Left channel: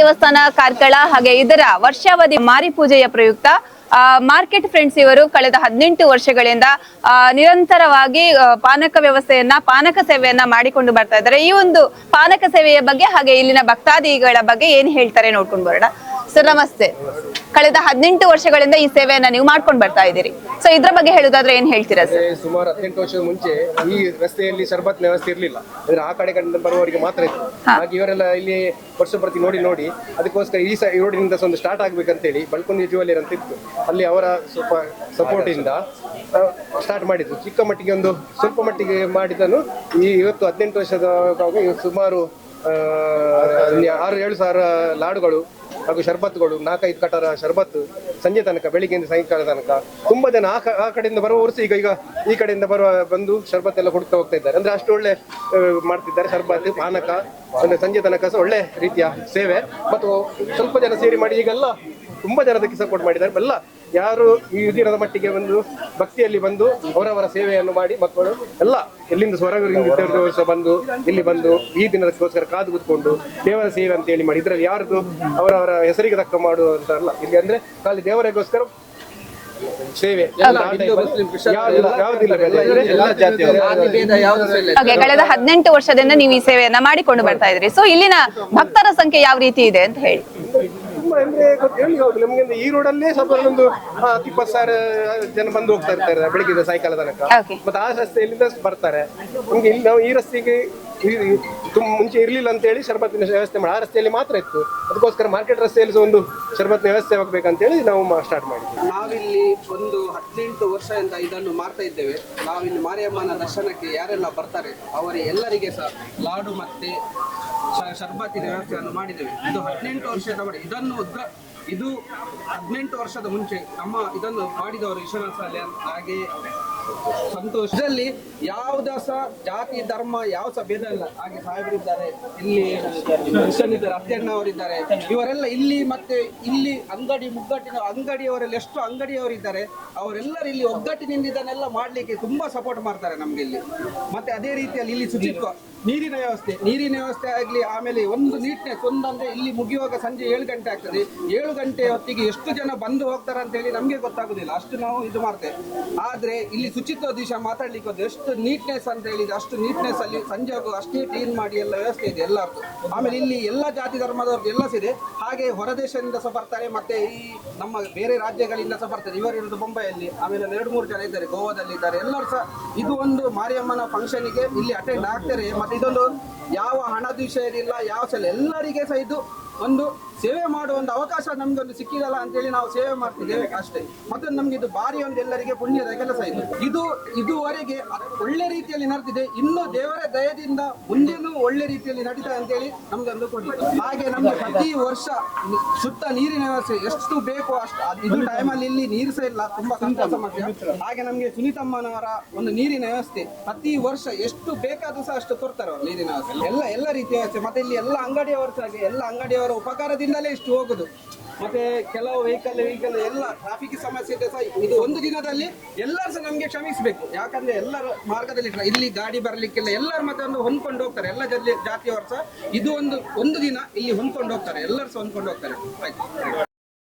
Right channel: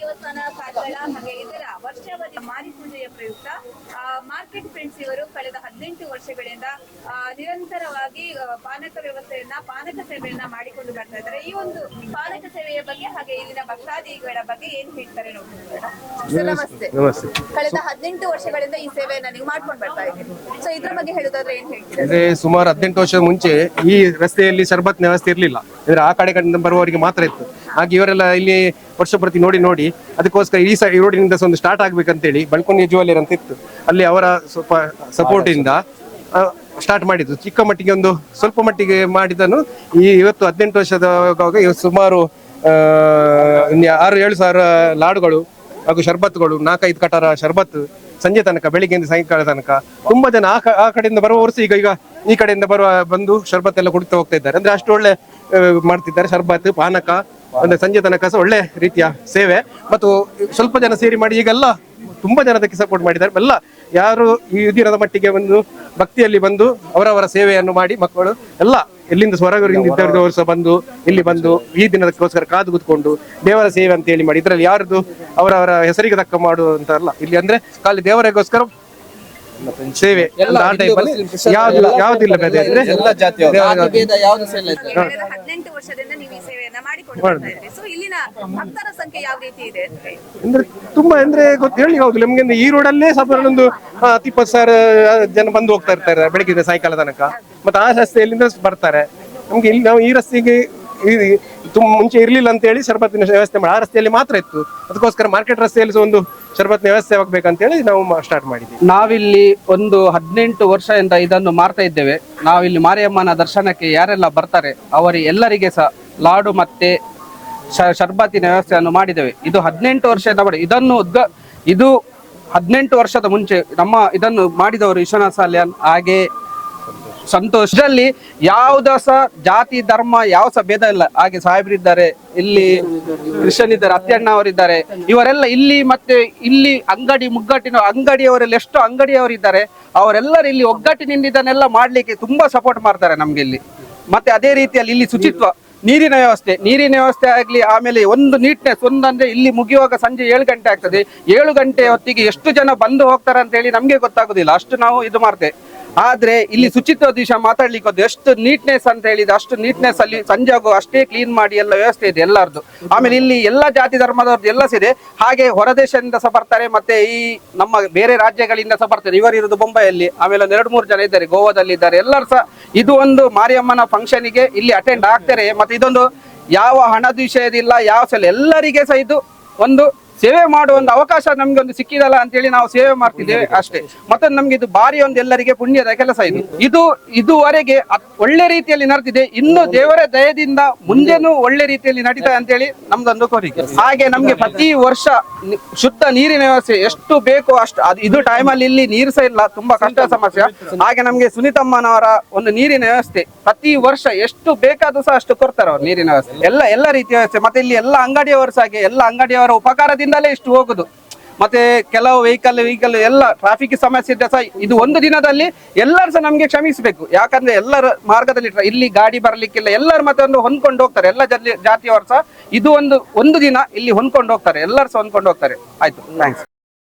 ದೇವಸ್ಥಾನ ಕಾರ್ಕಳ ಹಾಗೆ ಇದರ ವರ್ಷಾವಧಿ ಮಾರಿ ಪೂಜೆಯ ಪ್ರಯುಕ್ತ ಮಾರ್ಕೆಟ್ ಫ್ರೆಂಡ್ಸ್ ಇವರು ಕಳೆದ ಹದಿನೆಂಟು ವರ್ಷಗಳಿಂದ ನಿರಂತರವಾಗಿ ಪಾನಕ ವ್ಯವಸ್ಥೆಯನ್ನ ಪಾನಕ ಸೇವೆಯನ್ನ ಮಾಡಿಕೊಂಡು ಬರ್ತಾ ಇದ್ದಾರೆ. ಈ ಒಂದು ಪಾನಕ ಸೇವೆಯ ಬಗ್ಗೆ ಹಾಗೆ ಇಲ್ಲಿನ ಭಕ್ತಾದಿಗಳ ಬಗ್ಗೆ ಏನ್ ಹೇಳ್ತಾರೆ ನೋಡ್ಕೊಂಡು ಬರೋಣ. ಸರ್ ನಮಸ್ತೆ. ಕಳೆದ ಹದಿನೆಂಟು ವರ್ಷಗಳಿಂದ ಈ ಸೇವೆಯನ್ನ ನೀವು ಮಾಡ್ಕೊಂಡು ಬರ್ತಾ ಇದ್ದೀರಿ. ಸೊ ಇದ್ರ ಬಗ್ಗೆ ಹೇಳುದಾದ್ರೆ ಏನ್ ಹೇಳ್ತೀರಾ ಸುಮಾರು ಹದಿನೆಂಟು ವರ್ಷದ ಮುಂಚೆ ಈ ರಸ್ತೆಯಲ್ಲಿ ಶರ್ಬತ್ ವ್ಯವಸ್ಥೆ ಇರಲಿಲ್ಲ. ಅಂದ್ರೆ ಆ ಕಡೆ ಕಡೆ ಬರುವವರಿಗೆ ಮಾತ್ರ ಇತ್ತು. ಹಾಗೆ ಇವರೆಲ್ಲ ಇಲ್ಲಿ ವರ್ಷ ಪ್ರತಿ ನೋಡಿ ನೋಡಿ. ಅದಕ್ಕೋಸ್ಕರ ಈ ಸೈ ರೋಡಿನಿಂದ ಒಂದು ಸ್ಟಾರ್ಟ್ ಆಗ್ಬೇಕಂತೇಳಿ ಬಳ್ಕೊಂಡಿ ಜುವೆಲ್ಲರ್ ಅಂತ ಇತ್ತು. ಅಲ್ಲಿ ಅವರ ಸ್ವಲ್ಪ ಸಪೋರ್ಟ್ ಇಂದ ಸ್ಟಾರ್ಟ್ ಮಾಡಿದ್ದು. ಚಿಕ್ಕ ಮಟ್ಟಿಗೆ ಒಂದು ಸ್ವಲ್ಪ ಮಟ್ಟಿಗೆ ಮಾಡಿದನು ಈ ಇವತ್ತು ಹದಿನೆಂಟು ವರ್ಷದ ಇವತ್ತು ಸುಮಾರು ಆರು ಏಳು ಸಾವಿರ ಲಾಡುಗಳು ಹಾಗೂ ಶರ್ಬತ್ಗಳು ನಾಲ್ಕೈದು ಕಟಾರ ಶರ್ಬತ್ ಸಂಜೆ ತನಕ ಬೆಳಿಗ್ಗೆಯಿಂದ ಸಾಯಂಕಾಲ ತನಕ ತುಂಬಾ ಜನ ಆ ಕ- ಆ ಕಡೆಯಿಂದ ಬರುವವರು ಈಗ ಈಗ ಈ ಕಡೆಯಿಂದ ಬರುವ ಬಂದು ಶರ್ಬತ್ ಎಲ್ಲ ಕುಡಿತಾ ಹೋಗ್ತಾ ಇದ್ದಾರೆ. ಅಂದ್ರೆ ಅಷ್ಟು ಒಳ್ಳೆ ಮಾಡ್ತಿದ್ದಾರೆ. ಶರ್ಬತ್ ಪಾನಕ ಅಂದ್ರೆ ಸಂಜೆ ತನಕ ಸಹ ಒಳ್ಳೆ ರೀತಿಯ ಸೇವೆ. ಮತ್ತು ಸ್ವಲ್ಪ ಜನ ಸೇರಿ ಮಾಡಿ ಈಗೆಲ್ಲ ತುಂಬಾ ಜನ ಅದಕ್ಕೆ ಸಪೋರ್ಟ್ ಮಾಡಿದ್ದಾರೆ. ಎಲ್ಲ ಯಾರು ಈ ದಿನದ ಮಟ್ಟಿಗೆ ಬಂದು, ಭಕ್ತಿಯಲ್ಲಿ ಬಂದು ಅವರವರ ಸೇವೆಯನ್ನು ಮಾಡಿ ಮಕ್ಕಳು ಎಲ್ಲ ಎಲ್ಲಿಂದ ಹೊರಗರಿಂದ ಸಹ ಬಂದು, ಇಲ್ಲಿ ಬಂದು ಈ ದಿನದಕ್ಕೋಸ್ಕರ ಕಾದು ಕೂತ್ಕೊಂಡು ದೇವರ ಸೇವೆ ಅಂತ ಹೇಳಿ ಮಾಡಿ. ಇದರಲ್ಲಿ ಯಾರ್ದು ಅವರವರ ಹೆಸರಿಗೆ ತಕ್ಕ ಮಾಡುವಂತ ಅಲ್ಲ ಇಲ್ಲಿ ಅಂದ್ರೆ ಖಾಲಿ ದೇವರಿಗೋಸ್ಕರ ಸೇವೆ ಆ ಅಲ್ಲಿ ಯಾವ್ದಿಲ್ಲ ಹಾಗೆ ಕಳೆದ ಹದಿನೆಂಟು ವರ್ಷದಿಂದ ನೀವು ಈ ಸೇವೆಯನ್ನ ಮಾಡಿಕೊಂಡು ಬರ್ತಾ ಇದ್ರಿ. ಸೊ ಇಲ್ಲಿನ ಭಕ್ತರ ಸಂಖ್ಯೆ ಯಾವ ರೀತಿ ಇದೆ ಅಂತ ಹೇಳಿ. ಅಂದ್ರೆ ತುಂಬಾ ಅಂದ್ರೆ ಗೊತ್ತು ಹೇಳಿ ಹೋಗ್ಲಿ ನಮ್ಗೆ ಈ ರೋಡಲ್ಲೇ ಸಾಧಾರಣ ಒಂದು ಇಪ್ಪತ್ತು ಸಾವಿರ ಜನ ಬಂದು ಹೋಗ್ತಾ ಇರ್ತಾರೆ ಬೆಳಗ್ಗೆ ಸಾಯಂಕಾಲ ತನಕ. ಮತ್ತೆ ಆ ರಸ್ತೆಯಲ್ಲಿಂದ ಬರ್ತಾರೆ. ನಮ್ಗೆ ಇಲ್ಲಿ ನಾವು ಈ ರಸ್ತೆಗೆ ತುಂಬ ಮುಂಚೆ ಇರಲಿಲ್ಲ ಅಂತ ಹೇಳಿ ಶರಬತ್ತಿನ ವ್ಯವಸ್ಥೆ ಮಾಡಿ ಆ ರಸ್ತೆಯಲ್ಲಿ ಮಾತ್ರ ಇತ್ತು. ಅದಕ್ಕೋಸ್ಕರ ಮಾರ್ಕೆಟ್ ರಸ್ತೆಯಲ್ಲಿ ಸಹ ಒಂದು ಶರಬತ್ತಿನ ವ್ಯವಸ್ಥೆ ಆಗಬೇಕಂತೇಳಿ ನಾವು ಸ್ಟಾರ್ಟ್ ಮಾಡಿದ್ವಿ. ನಾವಿಲ್ಲಿ ಒಂದು ಹದಿನೆಂಟು ವರ್ಷದಿಂದ ಇದನ್ನು ಮಾರ್ತಾ ಇದ್ದೇವೆ. ನಾವಿಲ್ಲಿ ಮಾರಿಯಮ್ಮನ ದರ್ಶನಕ್ಕೆ ಯಾರೆಲ್ಲ ಬರ್ತಾರೆ ಅವರಿ ಎಲ್ಲರಿಗೆ ಸಹ ಲಾಡು ಮತ್ತೆ ಶರ್ಬತ್ತಿನ ವ್ಯವಸ್ಥೆಯನ್ನು ಮಾಡಿದ್ದೇವೆ. ಇದು ಹದಿನೆಂಟು ವರ್ಷದ ಮಾಡಿ ಇದನ್ನು ಉದ್ಗ ಇದು ಹದಿನೆಂಟು ವರ್ಷದ ಮುಂಚೆ ನಮ್ಮ ಇದನ್ನು ಮಾಡಿದವರು ವಿಶ್ವನಾಥ ಸಾಲ್ಯಾನ್, ಹಾಗೆ ಸಂತೋಷ್. ಇದರಲ್ಲಿ ಯಾವುದ ಸಹ ಜಾತಿ, ಧರ್ಮ, ಯಾವ ಸಹ ಭೇದ ಇಲ್ಲ. ಹಾಗೆ ಸಾಹೇಬರಿದ್ದಾರೆ ಇಲ್ಲಿ ಕ್ರಿಶ್ಚಿಯನ್ ಇದ್ದಾರೆ ಅತ್ಯಣ್ಣ ಅವರಿದ್ದಾರೆ. ಇವರೆಲ್ಲ ಇಲ್ಲಿ ಮತ್ತೆ ಇಲ್ಲಿ ಅಂಗಡಿ ಮುಗ್ಗಟ್ಟಿನ ಅಂಗಡಿಯವರೆಲ್ಲ ಎಷ್ಟು ಅಂಗಡಿಯವರಿದ್ದಾರೆ ಅವರೆಲ್ಲರೂ ಇಲ್ಲಿ ಒಗ್ಗಟ್ಟಿನಿಂದ ಇದನ್ನೆಲ್ಲ ಮಾಡ್ಲಿಕ್ಕೆ ತುಂಬಾ ಸಪೋರ್ಟ್ ಮಾಡ್ತಾರೆ ನಮ್ಗೆ ಇಲ್ಲಿ. ಮತ್ತೆ ಅದೇ ರೀತಿಯಲ್ಲಿ ಇಲ್ಲಿ ಶುಚಿತ್ವ, ನೀರಿನ ವ್ಯವಸ್ಥೆ. ನೀರಿನ ವ್ಯವಸ್ಥೆ ಆಗಲಿ, ಆಮೇಲೆ ಒಂದು ನೀಟ್ನೆಸ್ ಒಂದಂದ್ರೆ ಇಲ್ಲಿ ಮುಗಿಯುವಾಗ ಸಂಜೆ ಏಳು ಗಂಟೆ ಆಗ್ತದೆ. ಏಳು ಗಂಟೆ ಹೊತ್ತಿಗೆ ಎಷ್ಟು ಜನ ಬಂದು ಹೋಗ್ತಾರೆ ಅಂತ ಹೇಳಿ ನಮಗೆ ಗೊತ್ತಾಗೋದಿಲ್ಲ. ಅಷ್ಟು ನಾವು ಇದು ಮಾಡ್ತೇವೆ. ಆದ್ರೆ ಇಲ್ಲಿ ಶುಚಿತ್ವ ದಿವಸ ಮಾತಾಡ್ಲಿಕ್ಕೆ ಹೋದ್ರೆ ಎಷ್ಟು ನೀಟ್ನೆಸ್ ಅಂತ ಹೇಳಿದ್ರೆ ಅಷ್ಟು ನೀಟ್ನೆಸ್ ಅಲ್ಲಿ ಸಂಜೆ ಆಗುವ ಅಷ್ಟೇ ಕ್ಲೀನ್ ಮಾಡಿ ಎಲ್ಲ ವ್ಯವಸ್ಥೆ ಇದೆ ಎಲ್ಲರದ್ದು ಆಮೇಲೆ ಇಲ್ಲಿ ಎಲ್ಲ ಜಾತಿ ಧರ್ಮದವ್ರದ್ದು ಎಲ್ಲ ಇದೆ ಹಾಗೆ ಹೊರದೇಶದಿಂದ ಸಹ ಬರ್ತಾರೆ ಮತ್ತೆ ಈ ನಮ್ಮ ಬೇರೆ ರಾಜ್ಯಗಳಿಂದ ಸಹ ಬರ್ತಾರೆ. ಇವರು ಇರೋದು ಬೊಂಬೈಯಲ್ಲಿ ಆಮೇಲೆ ಒಂದು ಎರಡು ಮೂರು ಜನ ಇದ್ದಾರೆ ಗೋವಾದಲ್ಲಿ ಇದ್ದಾರೆ. ಎಲ್ಲರೂ ಸಹ ಇದು ಒಂದು ಮಾರಿಯಮ್ಮನ ಫಂಕ್ಷನಿಗೆ ಇಲ್ಲಿ ಅಟೆಂಡ್ ಆಗ್ತಾರೆ. ಮತ್ತೆ ಇದೊಂದು ಯಾವ ಹಣದ ವಿಷಯದಿಲ್ಲ ಯಾವ ಸಲ ಎಲ್ಲರಿಗೆ ಸಹ ಇದು ಒಂದು ಸೇವೆ ಮಾಡುವ ಒಂದು ಅವಕಾಶ ನಮ್ಗೆ ಒಂದು ಸಿಕ್ಕಿದಲ್ಲ ಅಂತೇಳಿ ನಾವು ಸೇವೆ ಮಾಡ್ತಿದ್ದೇವೆ ಅಷ್ಟೇ. ಮತ್ತೆ ನಮ್ಗೆ ಇದು ಬಾರಿ ಒಂದು ಎಲ್ಲರಿಗೆ ಪುಣ್ಯದ ಕೆಲಸ ಇದು. ಇದು, ಇದುವರೆಗೆ ಒಳ್ಳೆ ರೀತಿಯಲ್ಲಿ ನಡೆದಿದೆ. ಇನ್ನು ದೇವರ ದಯದಿಂದ ಮುಂದೆನೂ ಒಳ್ಳೆ ರೀತಿಯಲ್ಲಿ ನಡೀತದೆ ಅಂತೇಳಿ ನಮ್ದೊಂದು ಕೋರಿಕೆ. ಹಾಗೆ ನಮ್ಗೆ ಪ್ರತಿ ವರ್ಷ ಶುದ್ಧ ನೀರಿನ ವ್ಯವಸ್ಥೆ ಎಷ್ಟು ಬೇಕು ಅಷ್ಟು, ಅದು ಇದು ಟೈಮಲ್ಲಿ ಇಲ್ಲಿ ನೀರು ಸಹ ಇಲ್ಲ, ತುಂಬಾ ಕಷ್ಟ ಸಮಸ್ಯೆ. ಹಾಗೆ ನಮ್ಗೆ ಸುನಿತಮ್ಮನವರ ಒಂದು ನೀರಿನ ವ್ಯವಸ್ಥೆ ಪ್ರತಿ ವರ್ಷ ಎಷ್ಟು ಬೇಕಾದ್ರೂ ಸಹ ಅಷ್ಟು ಕೊಡ್ತಾರೆ ಅವ್ರು ನೀರಿನ ವ್ಯವಸ್ಥೆ. ಎಲ್ಲ ಎಲ್ಲ ರೀತಿಯ ವ್ಯವಸ್ಥೆ. ಮತ್ತೆ ಇಲ್ಲಿ ಎಲ್ಲ ಅಂಗಡಿಯವರು ಸಹ ಎಲ್ಲ ಅಂಗಡಿಯವರ ಉಪಕಾರದಿಂದಲೇ ಇಷ್ಟು ಹೋಗುದು. ಮತ್ತೆ ಕೆಲವು ವೆಹಿಕಲ್ ವೆಹಿಕಲ್ ಎಲ್ಲ ಟ್ರಾಫಿಕ್ ಸಮಸ್ಯೆ ಇದ್ದರೆ ಸಹ ಇದು ಒಂದು ದಿನದಲ್ಲಿ ಎಲ್ಲರೂ ಸಹ ನಮಗೆ ಕ್ಷಮಿಸಬೇಕು. ಯಾಕಂದ್ರೆ ಎಲ್ಲರ ಮಾರ್ಗದಲ್ಲಿ ಇಲ್ಲಿ ಗಾಡಿ ಬರ್ಲಿಕ್ಕಿಲ್ಲ, ಎಲ್ಲರೂ ಮತ್ತೆ ಒಂದು ಹೊಂದ್ಕೊಂಡು ಹೋಗ್ತಾರೆ. ಎಲ್ಲ ಜಾತಿಯವರು ಸಹ ಇದು ಒಂದು ಒಂದು ದಿನ ಇಲ್ಲಿ ಹೊಂದ್ಕೊಂಡು ಹೋಗ್ತಾರೆ. ಎಲ್ಲರೂ ಸಹ ಹೊಂದ್ಕೊಂಡು ಹೋಗ್ತಾರೆ. ಆಯ್ತು. ಥ್ಯಾಂಕ್ಸ್